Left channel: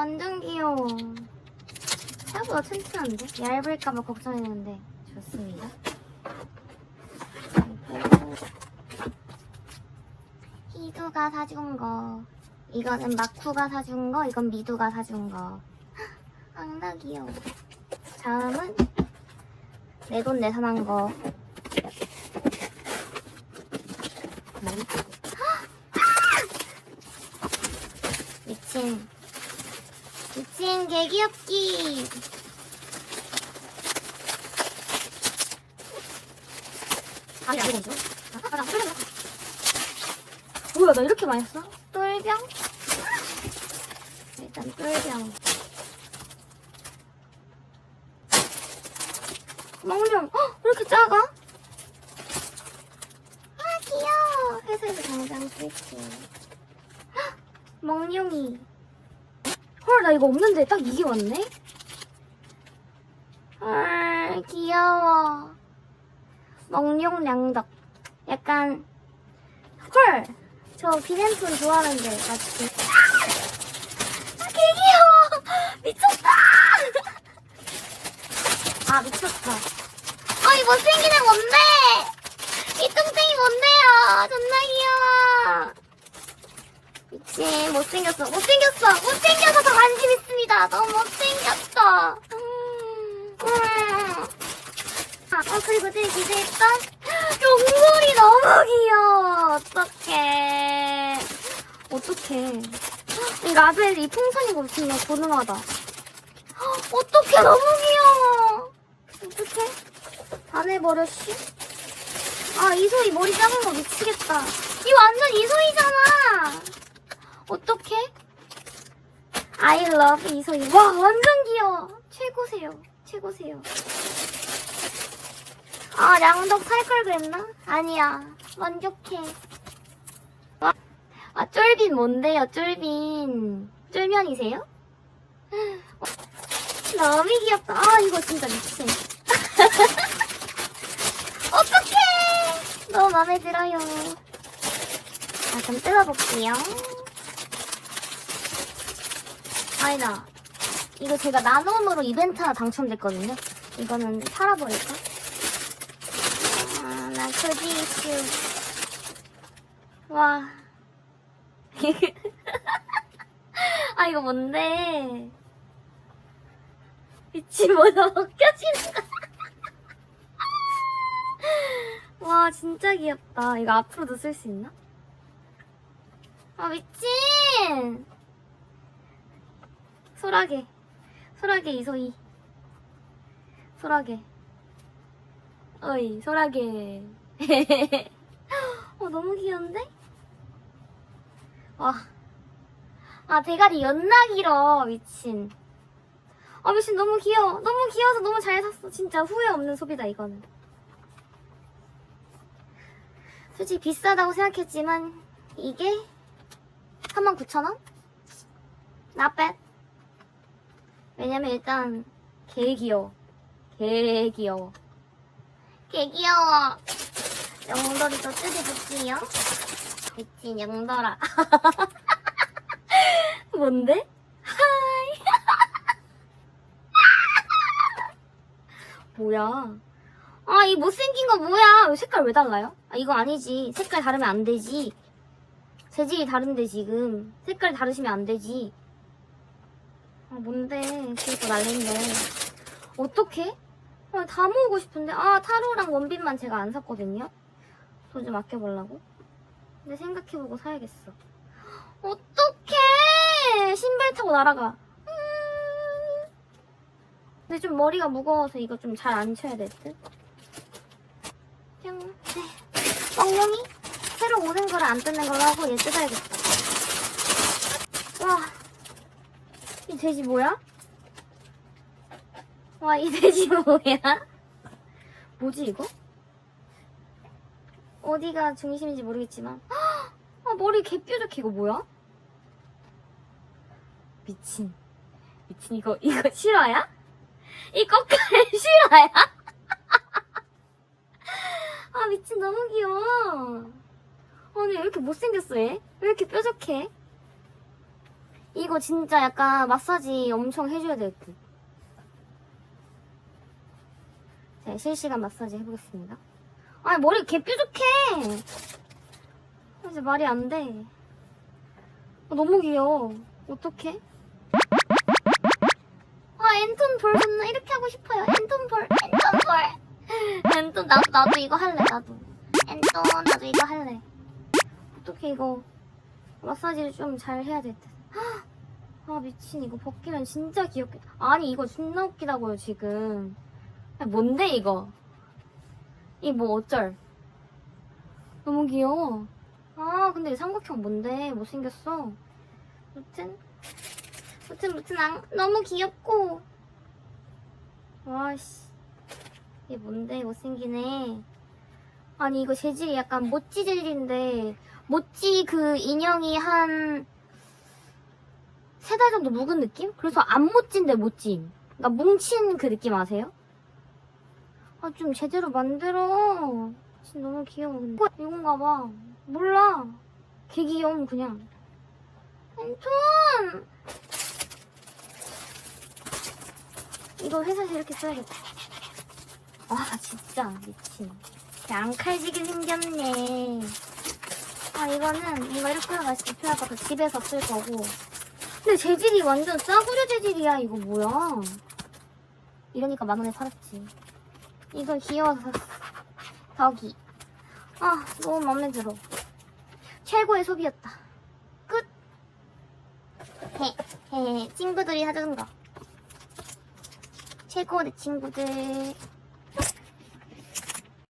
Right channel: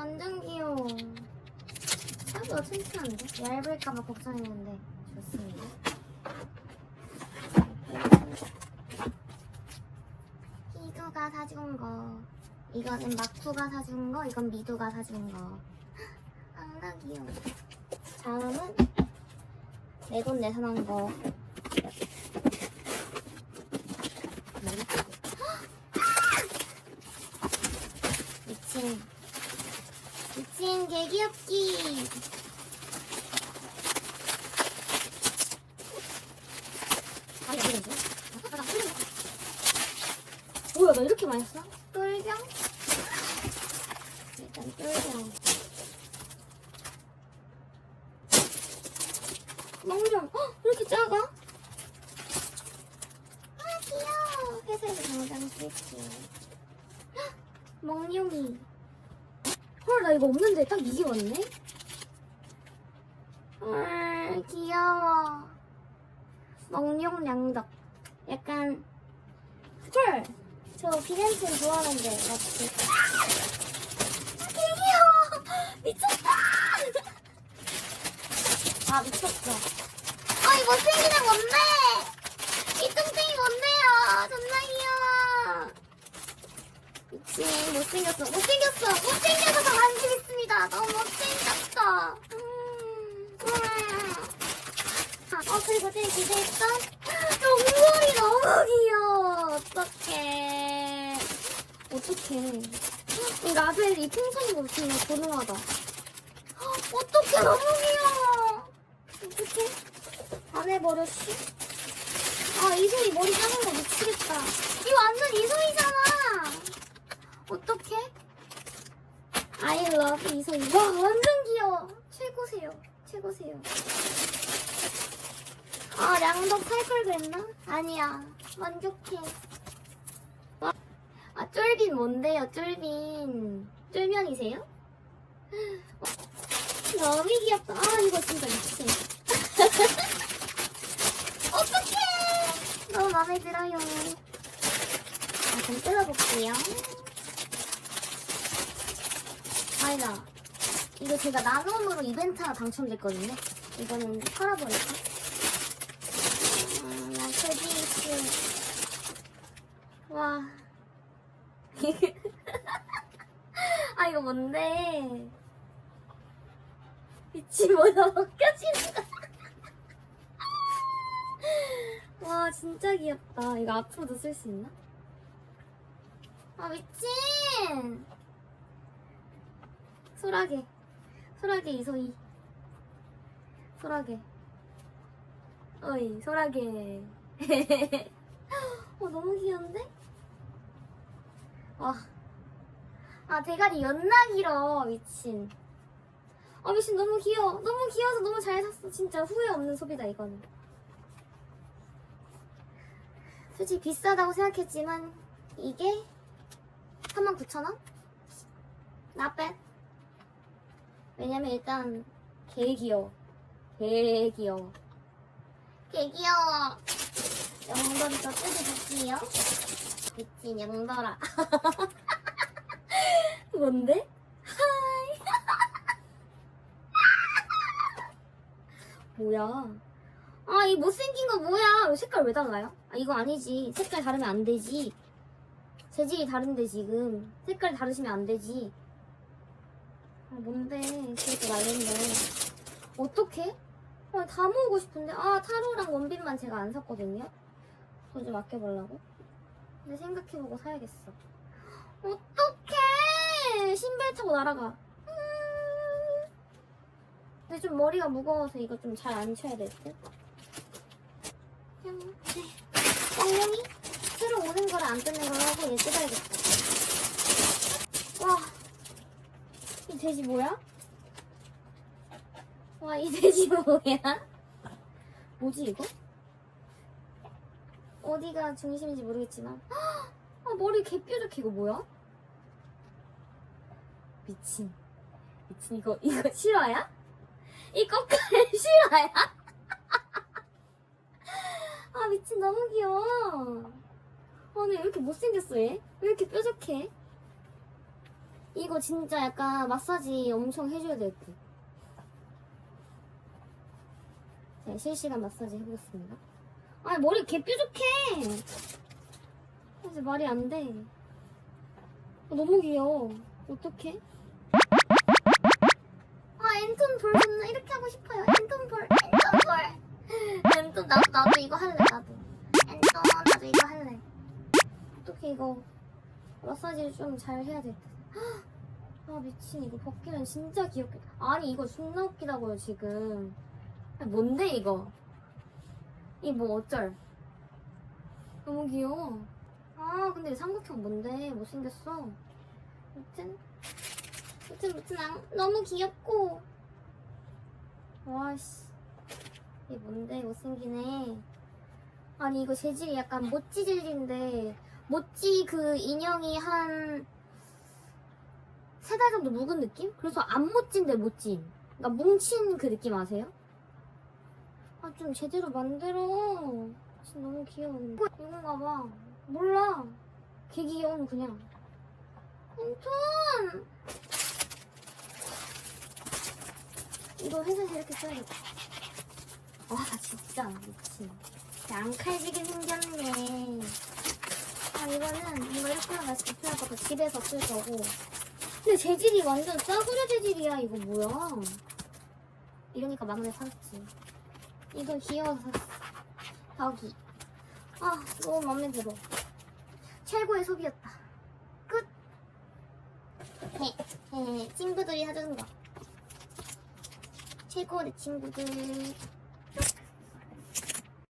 완전 귀여워. 생각보다 튼튼한데? 얇을까봐 걱정했는데 좋습니다. 희두가 사준 거. 이거는 마쿠가 사준 거, 이건 미두가 사준 거. 앙나 귀여워. 다음은 내 돈 내산 한 거. 미친. 미친 개귀엽기. 아니 아니 죠 뭐야 나 이렇게 많이 써? 똘병? 일단 똘병. 멍룡. 헉, 왜 이렇게 작아? 아 귀여워. 회색을 당장 쓸게. 헉, 멍룡이. 헐, 나 이거 없는데 딱 이게 왔네? 헐, 귀여워. 멍룡 량덕. 약간, 헐! 저 비넨톤 좋아하는데, 맞지? 아, 개 귀여워! 미쳤다! 아, 미쳤다. 어, 이 못생긴 애 뭔데? 이 뚱땡이 뭔데요? 존나 귀여워. 미친 못생겼어. 못생겼어. 못생겨서 더 관심 있습니다. 너무 못생겼어. 음, 음. 아, 어, 그리고 제일 기대했던 용돌이 너무 귀여워. 어떡해. 어떡해. 이 라벨 이 풍선이 거 정말 고능하다. 어떡해. 너무 귀여워. 어떡해. 안 해버렸지 아 이소희 머리 작은 거 미치겠다. 이 완전 이소희잖아 어떡해? I love 이소희. 와, 완전 귀여워. 최고세요. 최고세요. 아, 량덕 살 걸 그랬나? 아니야. 만족해. 와. 아, 쫄빈 뭔데요, 쫄빈? 쫄면이세요? 어, 너무 귀엽다. 아, 이거 진짜 미친. 어떡해! 너무 마음에 들어요. 자, 그럼 뜯어볼게요. 아니다. 이거 제가 나눔으로 이벤트 하나 당첨됐거든요. 이거는 팔아버릴까? 아, 나 저지스. 와. 아, 이거 뭔데? 미친 뭐야, 벗겨진다. 와, 진짜 귀엽다. 이거 앞으로도 쓸 수 있나? 아, 미친! 소라게. 소라게 이소희. 소라게. 어이 소라게. 어 너무 귀여운데? 와. 아 대가리 연나 길어 미친. 아 미친 너무 귀여워. 너무 귀여워서 너무 잘 샀어. 진짜 후회 없는 소비다 이거는 솔직히 비싸다고 생각했지만 이게 39,000원? Not bad 왜냐면 일단 개 귀여워. 개 귀여워. 개 귀여워. 영돌이 더 뜯어볼게요. 미친 영돌아. 뭔데? 하이. 뭐야? 아, 이 못생긴 거 뭐야? 왜 색깔 왜 달라요? 아, 이거 아니지. 색깔 다르면 안 되지. 재질이 다른데, 지금. 색깔 다르시면 안 되지. 아 뭔데 그거 날린데? 아, 다 모으고 싶은데 아 타로랑 원빈만 제가 안 샀거든요 돈 좀 아껴보려고 근데 생각해보고 사야겠어 어떡해 신발 타고 날아가 음. 근데 좀 머리가 무거워서 이거 좀 잘 안 쳐야 될 듯. 뿅. 네. 엉룡이 새로 오는 거를 안 뜯는 걸로 하고 얘 뜯어야겠다. 와. 이 돼지 뭐야? 와, 이 돼지 뭐야? 뭐지, 이거? 어디가 중심인지 모르겠지만. 헉! 아, 머리 개뾰족해, 이거 뭐야? 미친. 미친, 이거, 이거 실화야? 이 거까지 실화야? 아, 미친, 너무 귀여워. 아니, 왜 이렇게 못생겼어, 얘? 왜 이렇게 뾰족해? 이거 진짜 약간 마사지 엄청 해줘야 될 듯. 자, 실시간 마사지 해보겠습니다. 아니, 머리 개 뾰족해! 이제 말이 안 돼. 어, 너무 귀여워. 어떡해? 아, 앤톤 볼 존나 이렇게 하고 싶어요. 앤톤 볼, 앤톤 볼. 앤톤, 나도, 나도 이거 할래, 나도. 앤톤, 나도 이거 할래. 어떻게 이거 마사지를 좀 잘 해야 될 듯. 헉! 아, 미친. 이거 벗기면 진짜 귀엽겠다. 아니, 이거 존나 웃기다고요, 지금. 아니, 뭔데, 이거? 이 뭐 어쩔? 너무 귀여워. 아, 근데 이 삼각형 뭔데? 못생겼어. 무튼, 무튼, 무튼, 안, 너무 귀엽고. 와씨. 이게 뭔데? 못생기네. 아니, 이거 재질이 약간 모찌 재질인데, 모찌 그 인형이 한, 세 달 정도 묵은 느낌? 그래서 안 모찌인데 모찌. 그러니까 뭉친 그 느낌 아세요? 아, 좀 제대로 만들어. 진짜 너무 귀여워. 근데. 이건가 봐. 몰라. 개 귀여움, 그냥. 앤톤! 이거 회사에서 이렇게 써야겠다. 와, 진짜 미친. 양칼지게 생겼네. 아, 이거는 뭔가 이렇게 하나 맛있게 필요할 것 같아. 집에서 쓸 거고. 근데 재질이 완전 싸구려 재질이야. 이거 뭐야? 이러니까 만 원에 팔았지. 이거 귀여워서 샀어. 여기. 아, 너무 마음에 들어. 최고의 소비였다. 끝. 헤, 헤, 친구들이 사준 거. 최고 내 친구들.